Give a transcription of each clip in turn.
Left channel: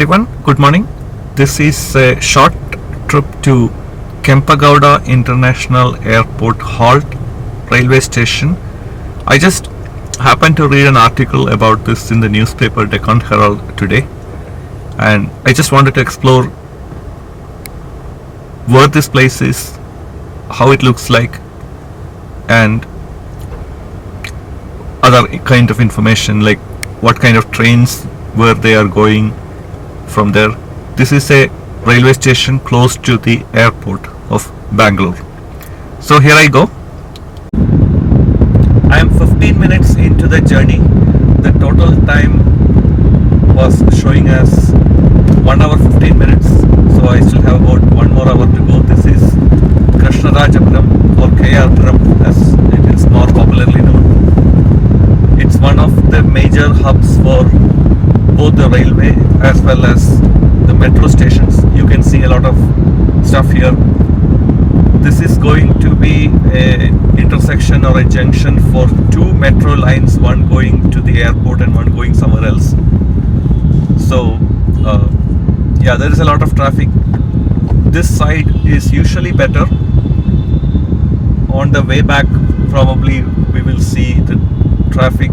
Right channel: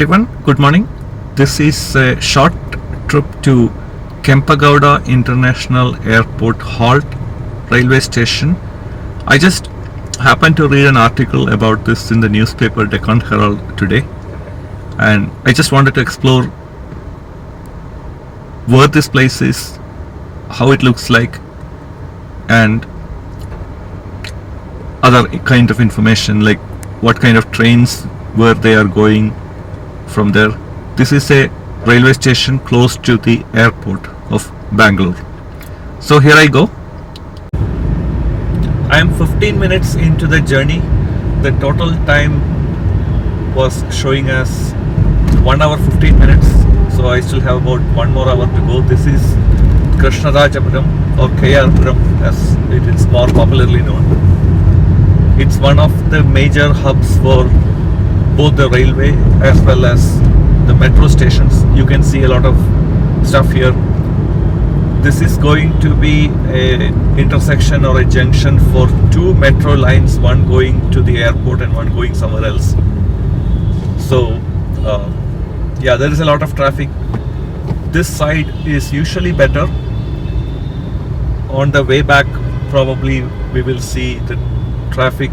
everyone, good morning. This is a short trip to Kempagowda International Airport Halt railway station. I just happened to read an article about this in the newspaper Deccan Herald today, and I just wanted to explore where this place is, how it looks like, and other kind of information like what kind of trains where they are going from there. This is a railway station close to the airport of Bangalore. So here I go. I am 15 minutes into the journey. The total time was showing as 1 hour 15 minutes. So I still have about 1 more hour to go. This is Krishnarajapuram or KRpuram as it is more popularly known. It's one of the major hubs for both the railway as well as the metro stations. You can see a lot of stuff here. This is going to be a intersection or a junction for two metro lines, one going to the airport and one going somewhere else. So yeah, there is a lot of traffic. This side is usually better. On the way back probably we will see the traffic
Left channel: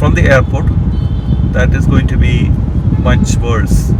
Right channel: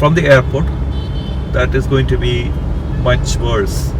from the airport. That is going to be much worse.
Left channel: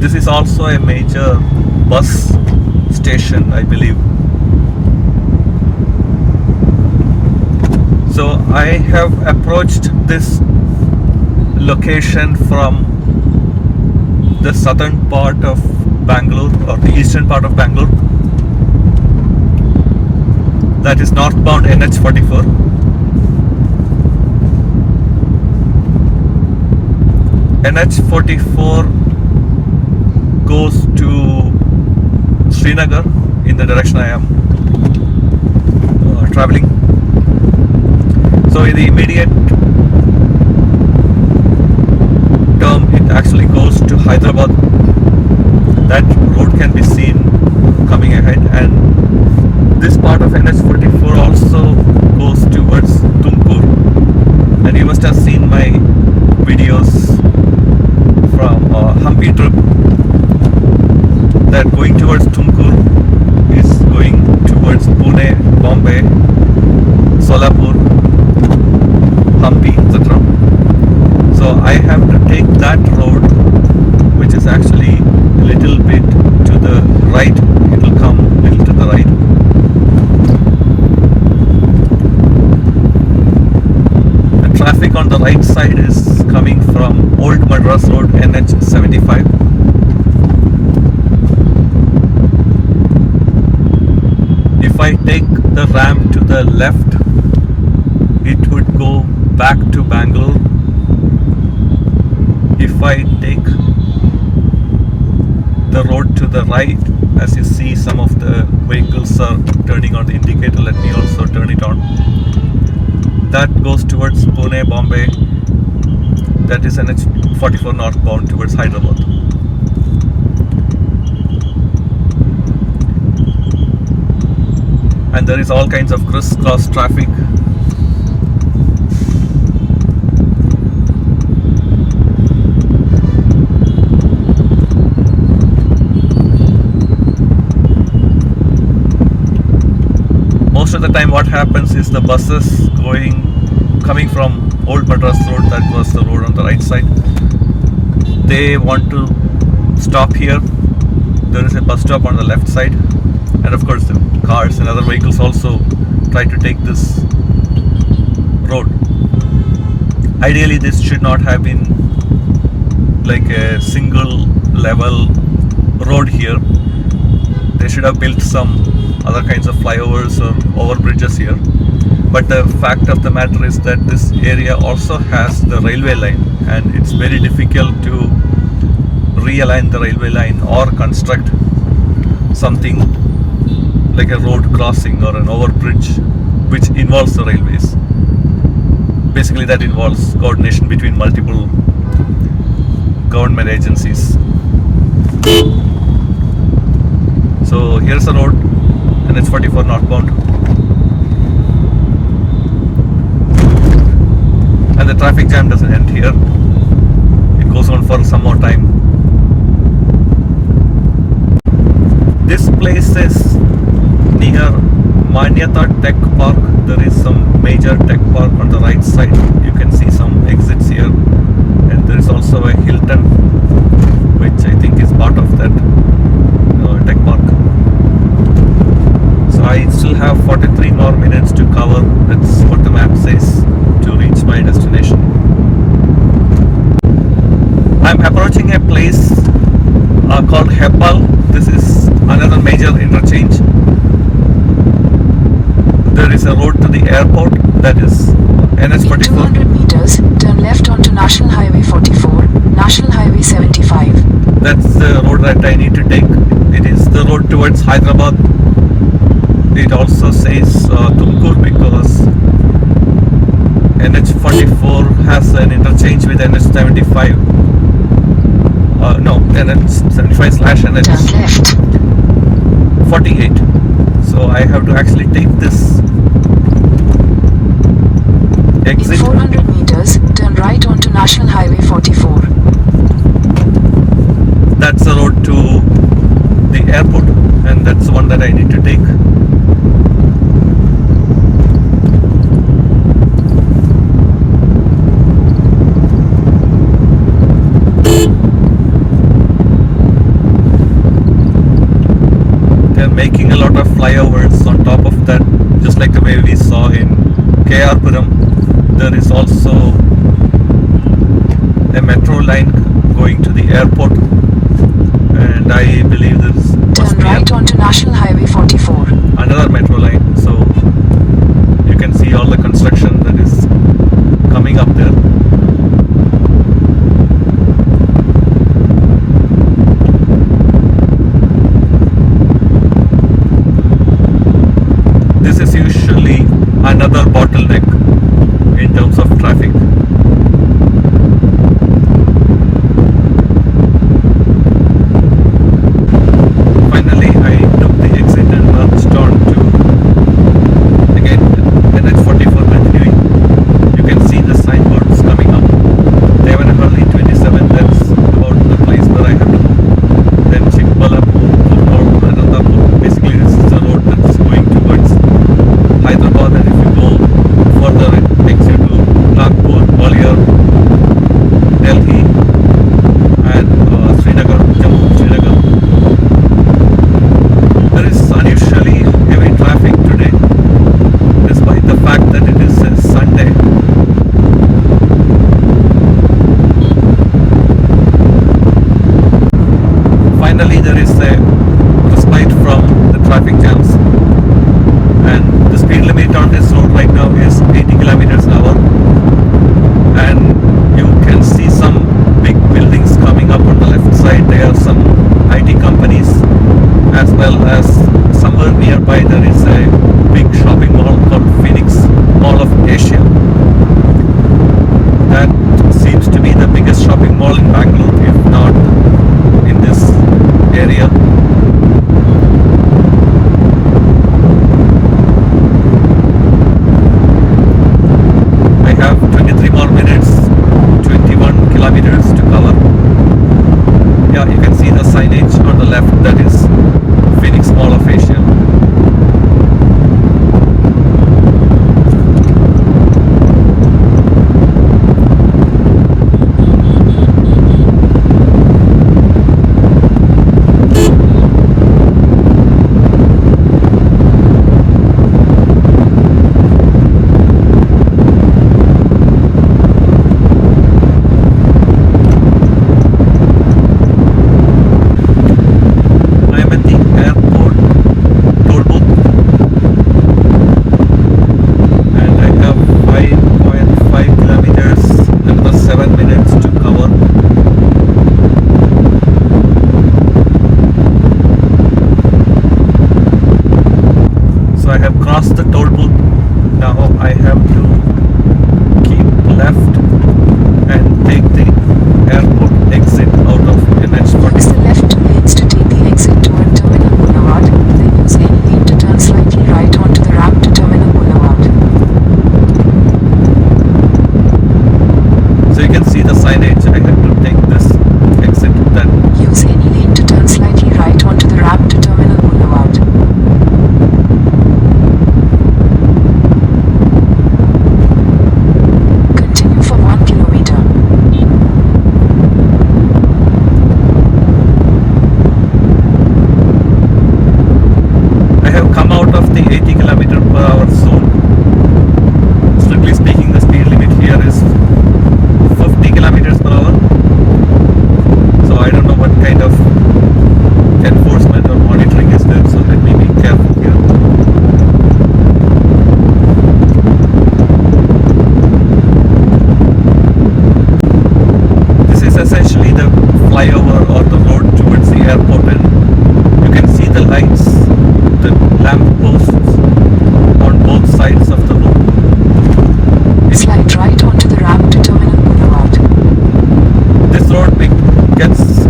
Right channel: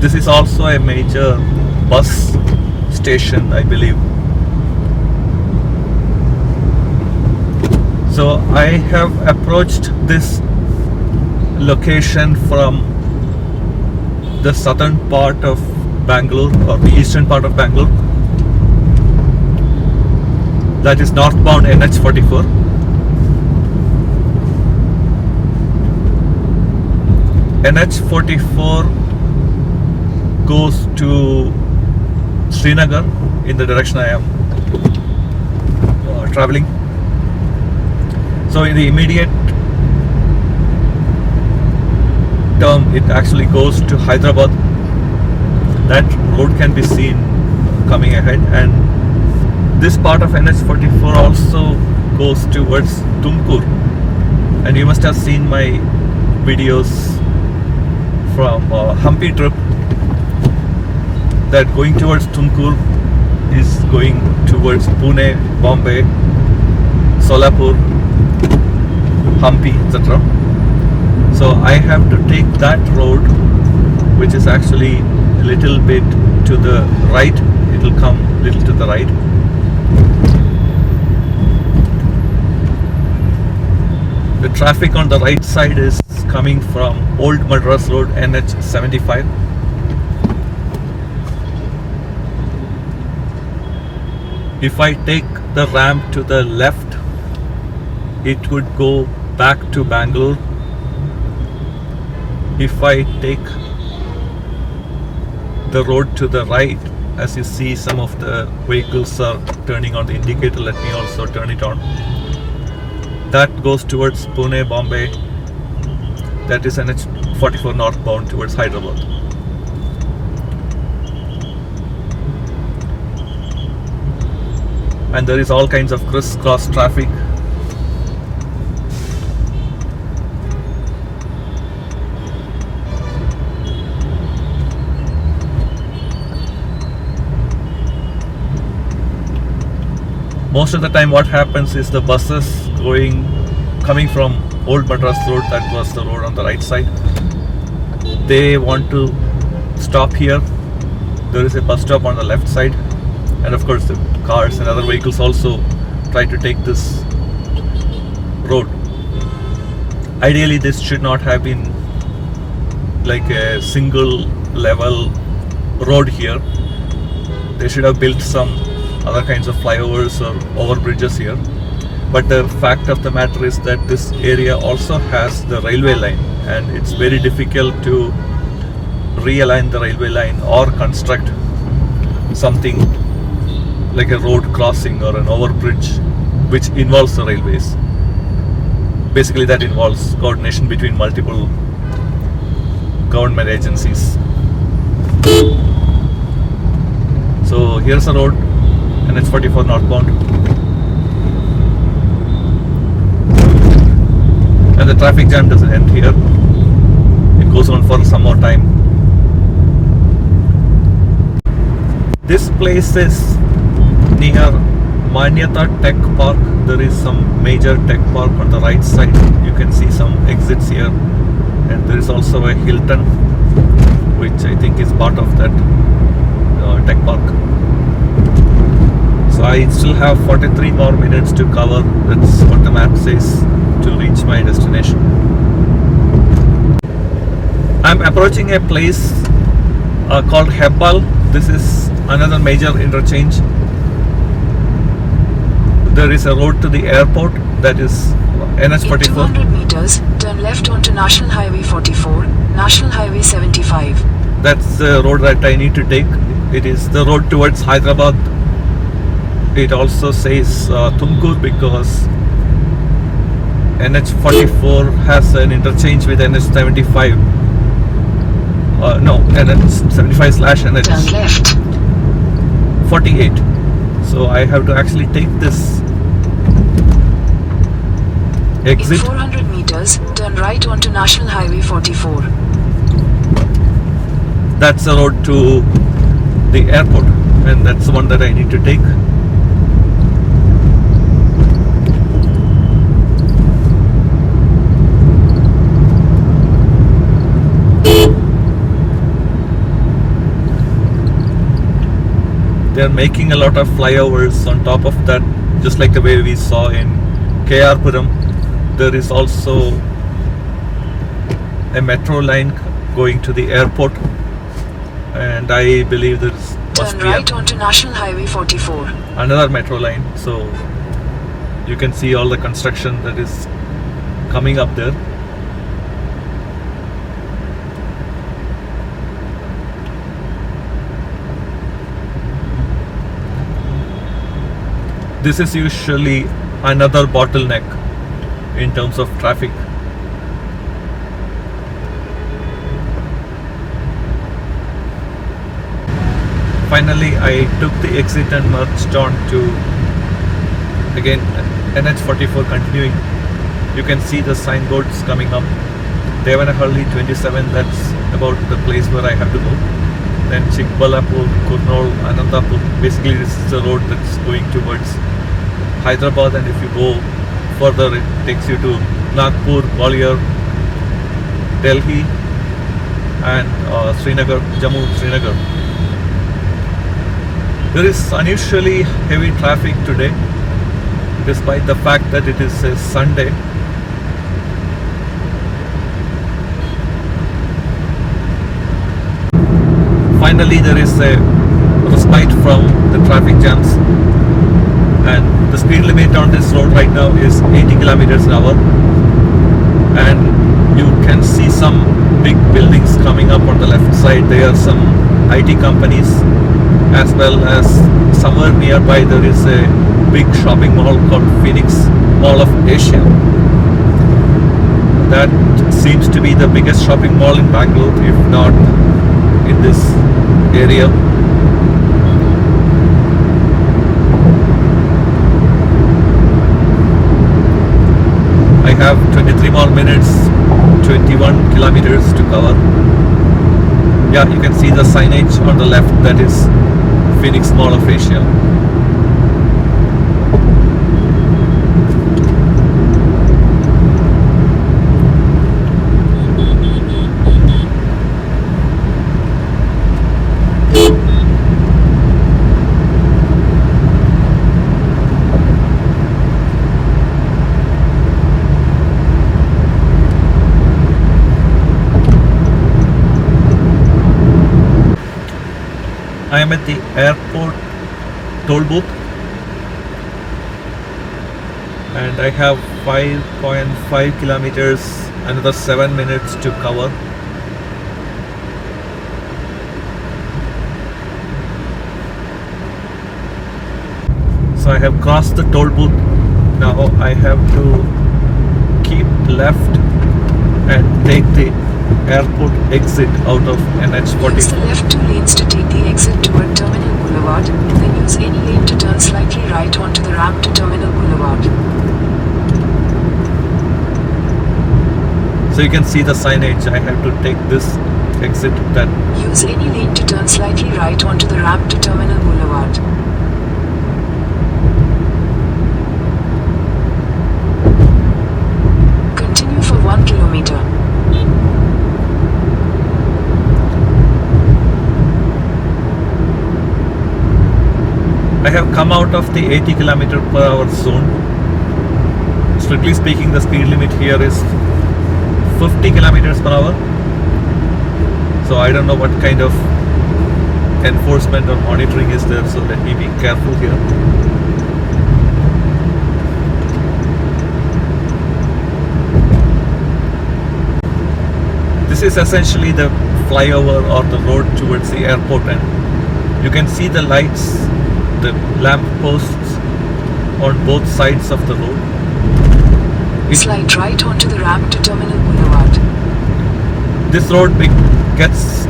This is also a major bus station, I believe. So I have approached this location from the southern part of Bangalore or the eastern part of Bangalore. That is northbound NH44. NH44 goes to Srinagar in the direction I am traveling. So in the immediate term it actually goes to Hyderabad. That road can be seen coming ahead, and this part of NH44 also goes towards Tumkur. And you must have seen my videos from Hampi trip that going towards Tumkur is going towards Pune, Bombay, Solapur, Hampi, etc. So I have to take that road, which is actually a little bit to the right. It will come a little to the right. The traffic on the right side is coming from Old Madras Road, NH75. If I take the ramp to the left, it would go back to Bangalore. If I take the road to the right, as you see some of the vehicles are turning on the indicator, let me also turn it on. That goes towards Pune, Bombay. That is NH44 northbound towards Hyderabad. And there is all kinds of crisscross traffic. Most of the time what happens is the buses coming from Old Madras Road, that was the road on the right side, they want to stop here. There is a bus stop on the left side, and of course the cars and other vehicles also try to take this road. Ideally this should not have been like a single level road here. They should have built some other kinds of flyovers or over bridges here. But the fact of the matter is that this area also has the railway line, and it's very difficult to realign the railway line or construct something like a road crossing or an overbridge which involves the railways. Basically that involves coordination between multiple government agencies. So here's the road, and it's 44 northbound. And the traffic jam doesn't end here. It goes on for some more time. This place is near Manyata Tech Park. There is some major tech park on the right side. You can see some exits here. And there is also a Hilton, which I think is part of that tech park. So I still have 43 more minutes to cover. That's what the map says, to reach my destination. I'm approaching a place called Hebbal. This is another major interchange. There is a road to the airport, that is NH44. 200 meters, turn left onto National Highway 44, National Highway 75. That's the road that I need to take. It is the road towards Hyderabad. It also says Tumkur because NH44 has an interchange with NH75. No, NH75 slash NH. Turn left. 48. So I have to actually take this exit. In 400 meters, turn right onto National Highway 44. That's the road to the airport, and that's the one that I need to take. They're making a lot of flyovers on top of that, just like the way we saw in Puram. There is also a metro line going to the airport, and I believe there must be right onto National Highway 44. Another metro line. So you can see all the construction that is coming up there. This is usually another bottleneck in terms of traffic. Finally, I took the exit and merged on to, again, NH44 continuing. You can see the signboards coming up. Devanahali 27, that's about the place where I have to go. Then Chikbalapur, Kurnool, Anantapur. Basically, this is the road that's going towards Hyderabad, and if you go further, it takes you to Nagpur, Gwalior, Delhi, and Srinagar, Jammu, Srinagar. There is unusually heavy traffic today, despite the fact that it is a Sunday. Finally, there is a respite from the traffic jams, and the speed limit on this road right now is 80 kilometers an hour, and you can see some big buildings coming up on the left side. There are some IT companies, as well as somewhere nearby there is a big shopping mall called Phoenix Mall of Asia. That seems to be the biggest shopping mall in Bangalore, if not in this area. I have 23 more minutes, 21 kilometers to cover. Yeah, you can see the signage on the left, that is Phoenix Mall of Asia. I am at the airport toll booth, and I have 5.5 kilometers, another 7 minutes to cover. So I have crossed the toll booth. Now I have to keep left and take the airport exit out of Use NH44. the left two lanes to take the exit toward Terminal Boulevard. see the signage. I have to take this exit then. Use any lane to turn slightly right onto the ramp to Terminal Boulevard. Continue for 1 kilometer. I have come out of the 80 km per hour zone. Strictly speaking, the speed limit here is 50 kilometers per hour. So I don't know what kind of enforcement or monitoring is there, so let me be careful here. This is essentially the flyover or the road towards the airport, and you can see the lights, the lamp posts on both sides of the road. Slide right onto the ramp to Terminal Boulevard. This road gets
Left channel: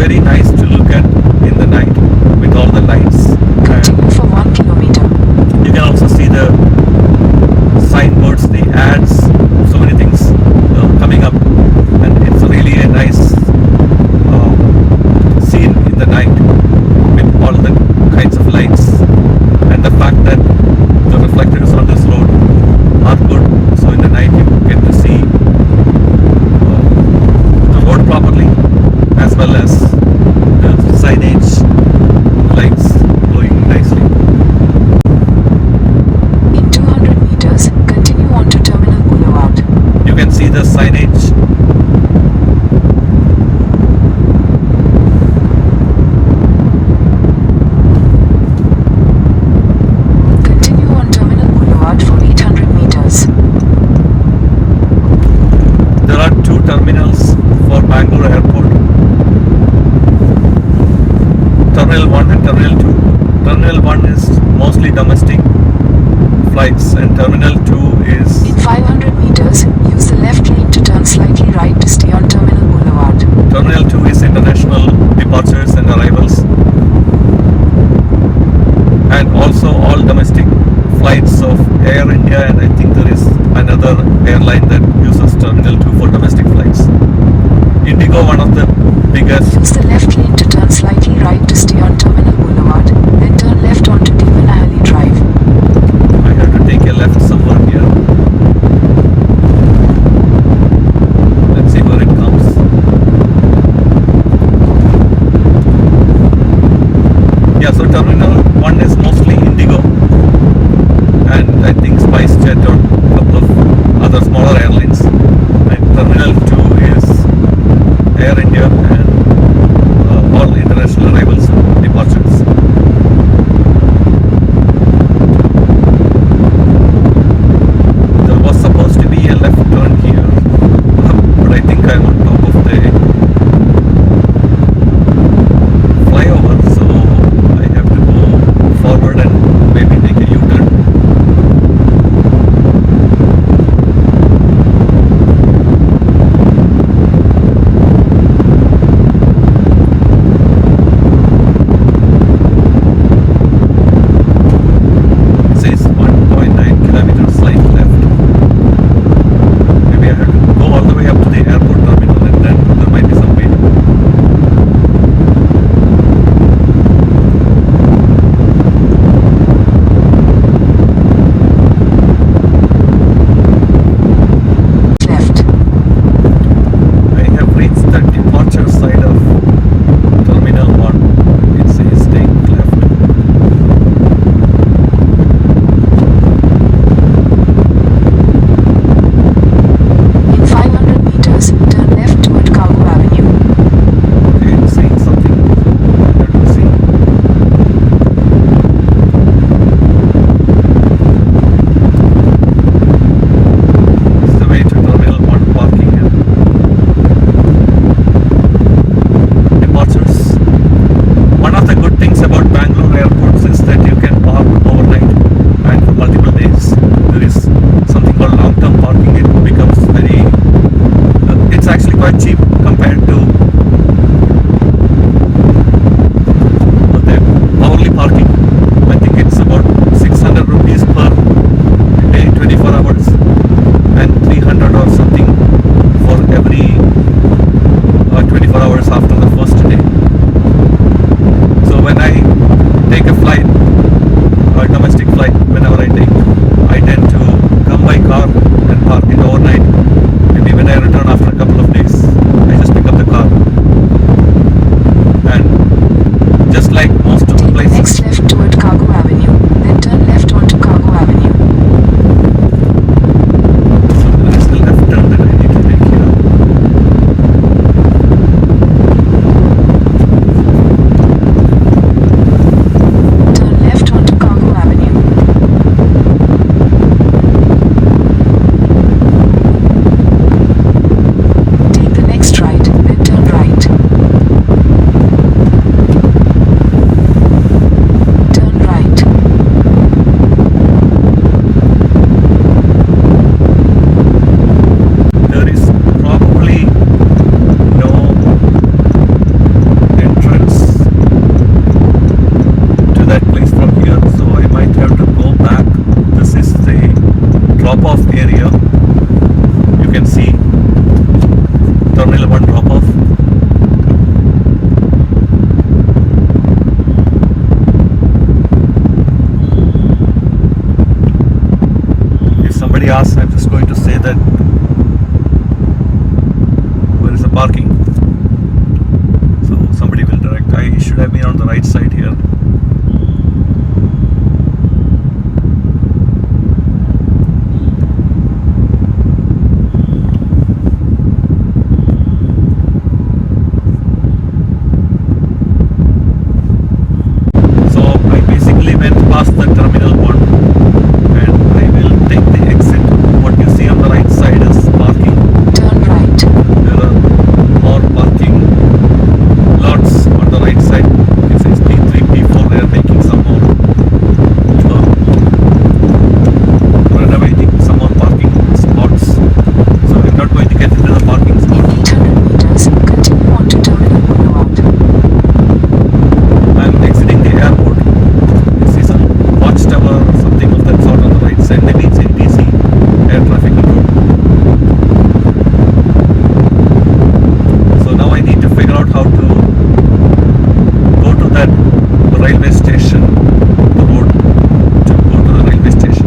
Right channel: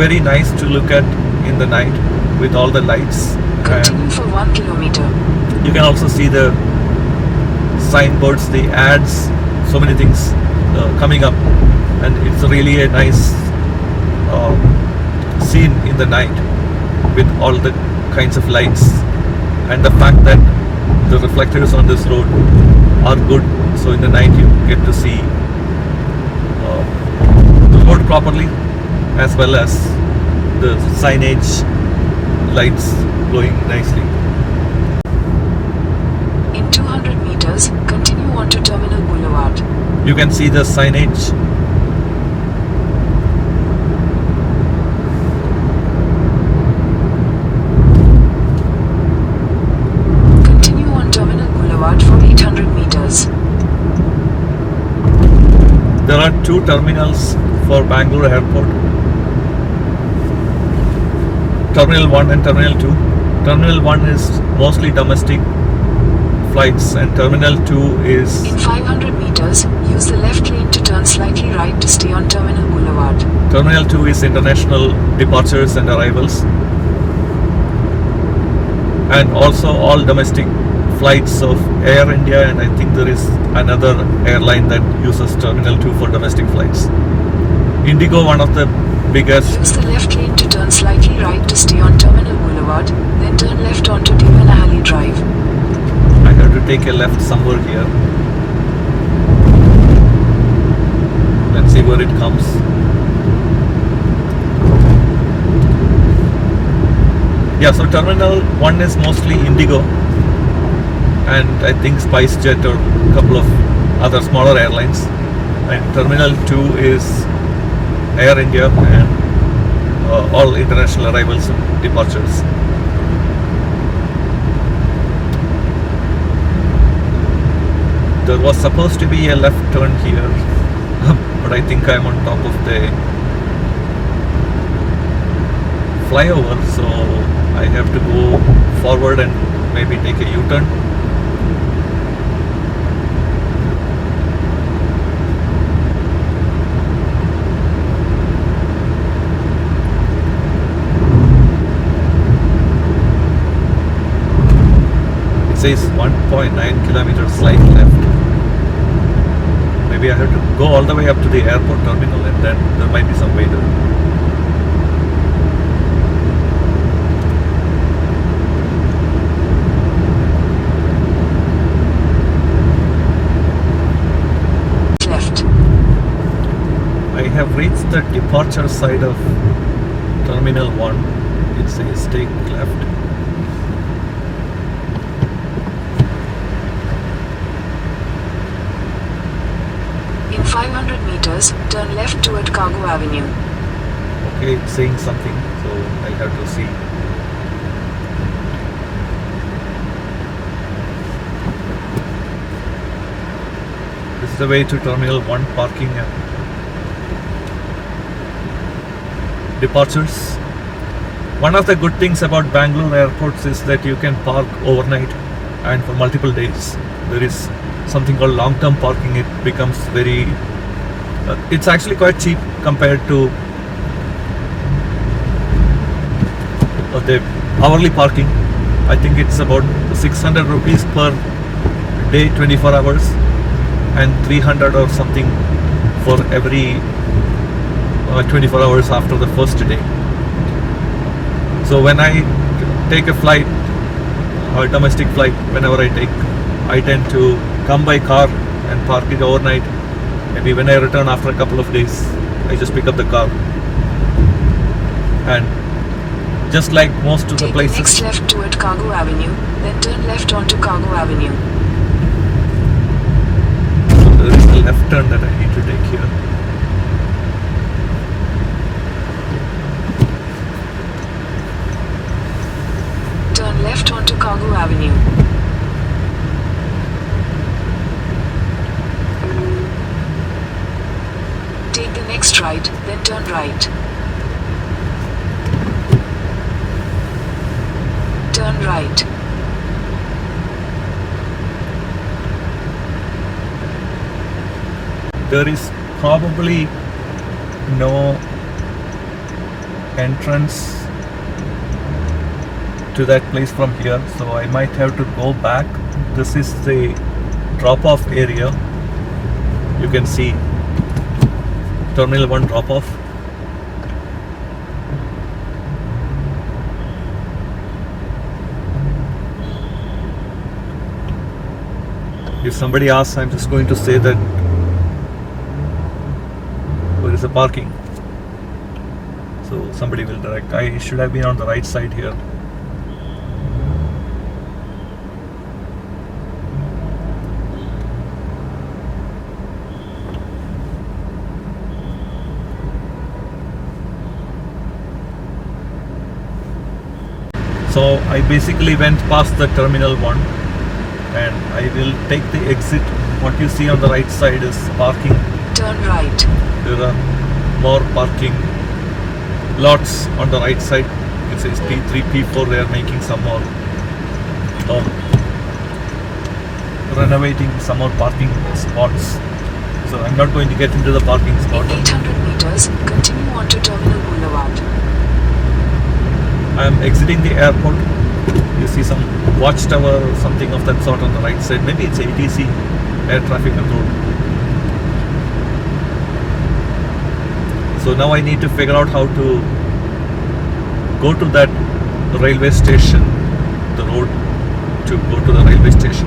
very nice to look at in the night with all the lights. Continue for 1 kilometer. You can also see the signboards, the ads, so many things coming up, and it's really a nice scene in the night with all the kinds of lights, and the fact that the reflectors on this road are good, so in the night you get to see the road properly, as well as the signage lights glowing nicely. In 200 meters, continue on to Terminal Boulevard. You can see the signage. Continue on Terminal Boulevard for 800 meters. There are two terminals for Bangalore Airport. Terminal 1 and Terminal 2. Terminal 1 is mostly domestic flights, and Terminal 2 is... In 500 meters, use the left lane to turn slightly right to stay on Terminal Boulevard. Terminal 2 is international departures and arrivals, and also all domestic flights of Air India, and I think there is another airline that uses Terminal 2 for domestic flights. Indigo, one of the biggest. Use the left lane to turn slightly right to stay on Terminal Boulevard, then turn left onto Devanahali Drive. I have to take a left somewhere here. Let's see where it comes. Yeah, so Terminal 1 is mostly Indigo, and I think SpiceJet or a couple of other smaller airlines. And Terminal 2 is Air India and all international arrivals and departures. There was supposed to be a left turn here, but I think I'm on top of the flyover, so I have to go forward and maybe take a U-turn. It says 1.9 kilometers slight left. Maybe I have to go all the way up to the airport terminal, and then there might be some way there. Left. I have reached the departure side of Terminal 1. It says take left. In 500 meters, turn left toward Cargo Avenue. Okay, it's saying something, so I have to see. This is the way to Terminal 1 parking and departures. One of the good things about Bangalore airports is that you can park overnight and for multiple days. There is something called long-term parking. It becomes very... it's actually quite cheap compared to the hourly parking. I think it's about 600 rupees per day, 24 hours, and 300 or something for every 24 hours after the first day. So when I take a flight, a domestic flight, whenever I tend to come by car and park it overnight. Maybe when I return after a couple of days, I just pick up the car. And just like most of the Take the places, next left toward Cargo Avenue, then turn left onto Cargo Avenue. there is a left turn that I need to take here. Turn left onto Cargo Avenue. Take the next right, then turn right. Turn right. There is probably no entrance to that place from here, so I might have to go back. This is the drop-off area. You can see Terminal 1 drop-off. If somebody asks, I'm just going to say that where is the parking? So somebody will direct. I should have been on the right side here. So I basically went past the Terminal 1 and I will take the exit. What you see on the right side is parking. Turn right. There are more parking lots on the right side. It says P3, P4. They are making some more renovating some more parking spots. So I'm not going to get into the parking spot. In 800 meters, continue on to Terminal Boulevard. I'm exiting the airport. You see some watchtower or something of that sort on the right side. Maybe it's ATC, Air Traffic Control. So now I need to figure out how to go to that railway station, the road to go to the railway station.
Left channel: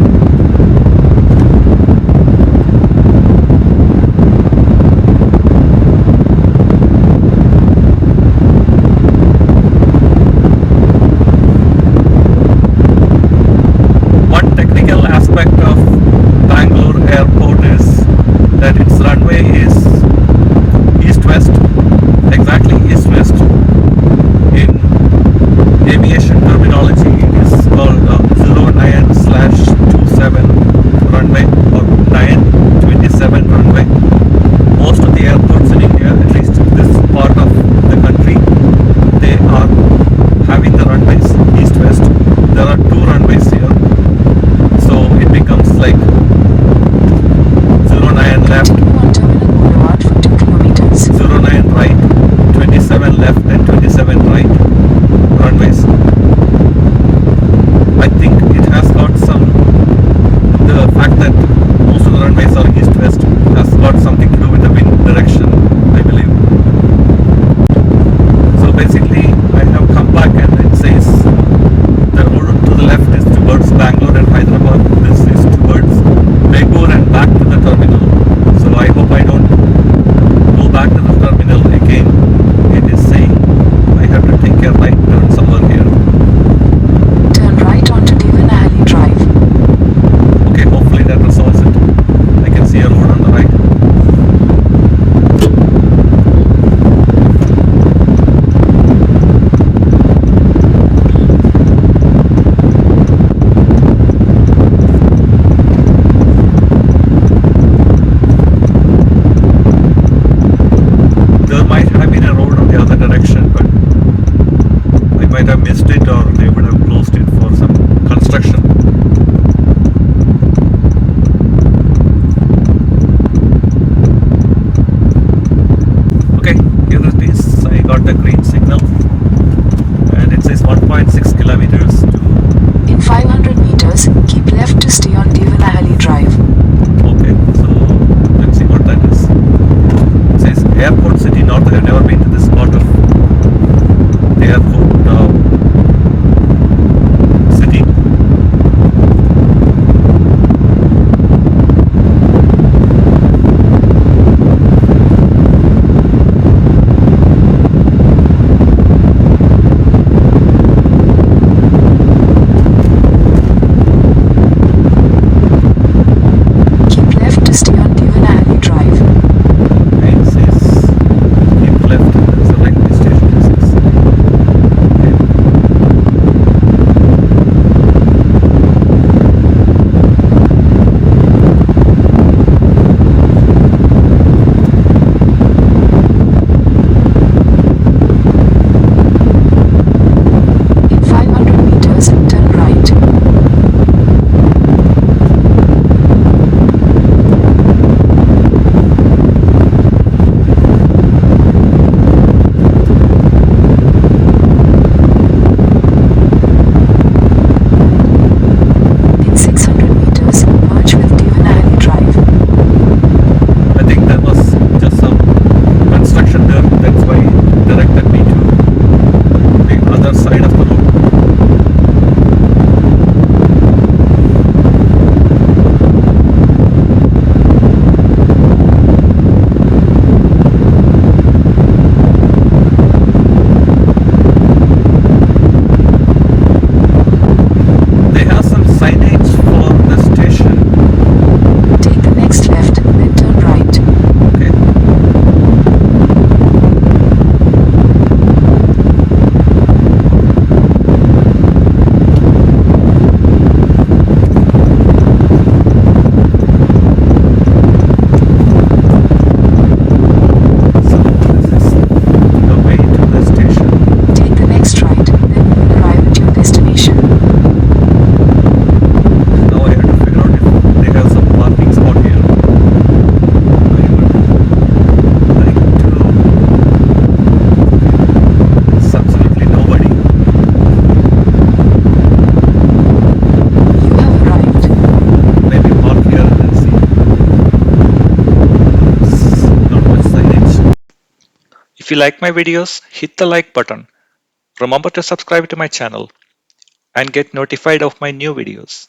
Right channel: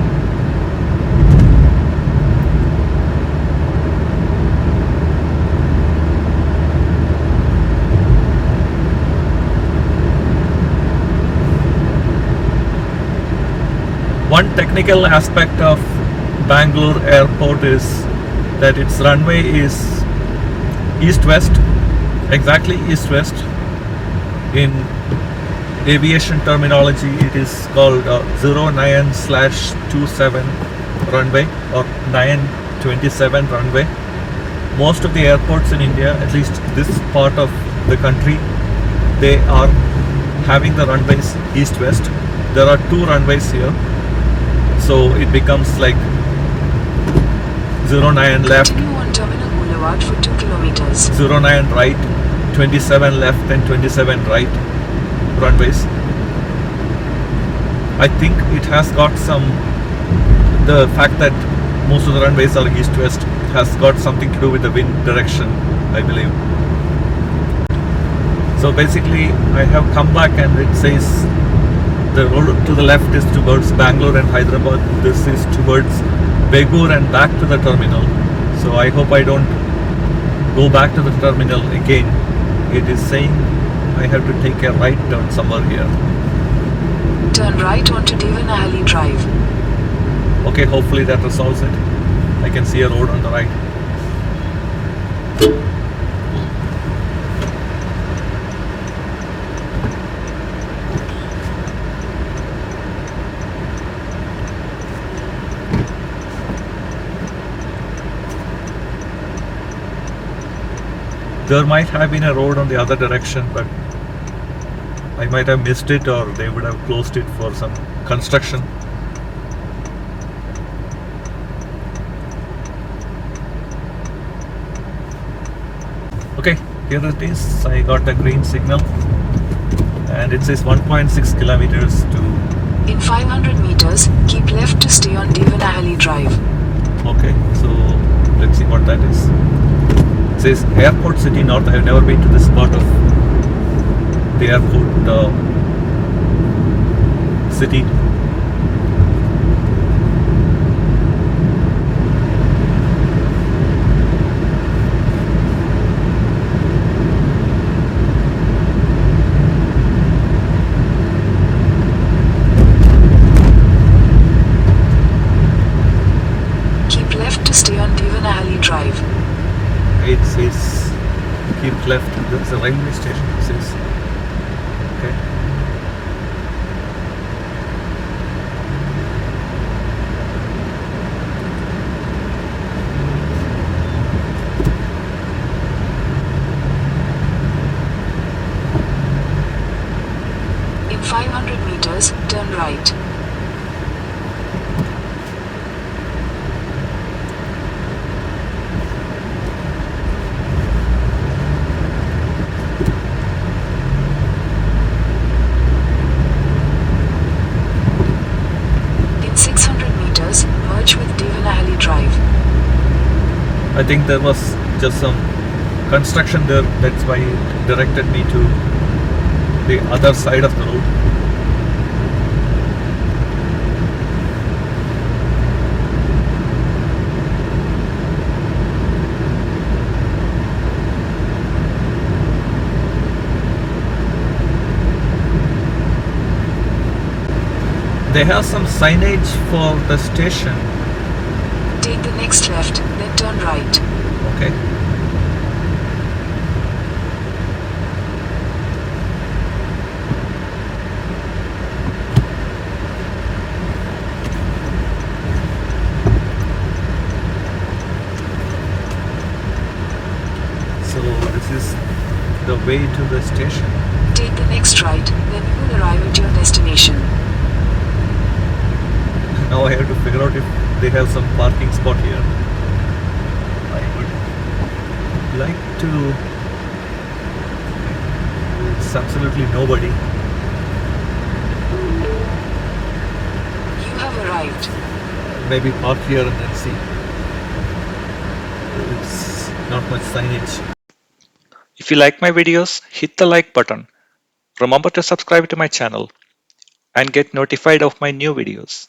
One technical aspect of Bangalore airport is that its runway is east-west, exactly east-west. In aviation terminology, it is called 09/27 runway or 927 runway. Most of the airports in India, at least this part of the country, they are having the runways east-west. There are two runways here, so it becomes like 09 left, Continue on Terminal Boulevard for 2 kilometers. 09 right, 27 left, and 27 right runways. I think it has got some, the fact that most of the runways are east-west has got something to do with the wind direction, I believe. So basically I have come back and it says the road to the left is towards Bangalore and Hyderabad. This is towards Bangalore and back to the terminal. So I hope I don't go back to the terminal again. It is saying I have to take a right turn somewhere here. Turn right onto Devanahali Drive. Okay, hopefully that resolves it. I can see a road on the right. There might have been a road on the other direction, but I might have missed it or they would have closed it for some construction. Okay, here it is. I got the green signal and it says 1.6 kilometers to... In 500 meters, keep left to stay on Devanahali Drive. Okay, so let's see what that is. airport city north. I have never been to this part of the airport city. Keep left to stay on Devanahali Drive. It says keep left. There's a railway station. It says. In 500 meters, turn right. In 600 meters, merge with Devanahali Drive. I think there was just some construction there. That's why it directed me to the other side of the road. They have some signage for the station. Take the next left, then turn right. Okay. So this is the way to the station. Take the next right, then you will arrive at your destination. Now I have to figure out if they have some parking spot here. I would like to. It's absolutely nobody. You have arrived. Maybe park here and then see. It's not much signage. If you like my videos, hit the like button. Remember to subscribe to my channel and get notified of my new videos.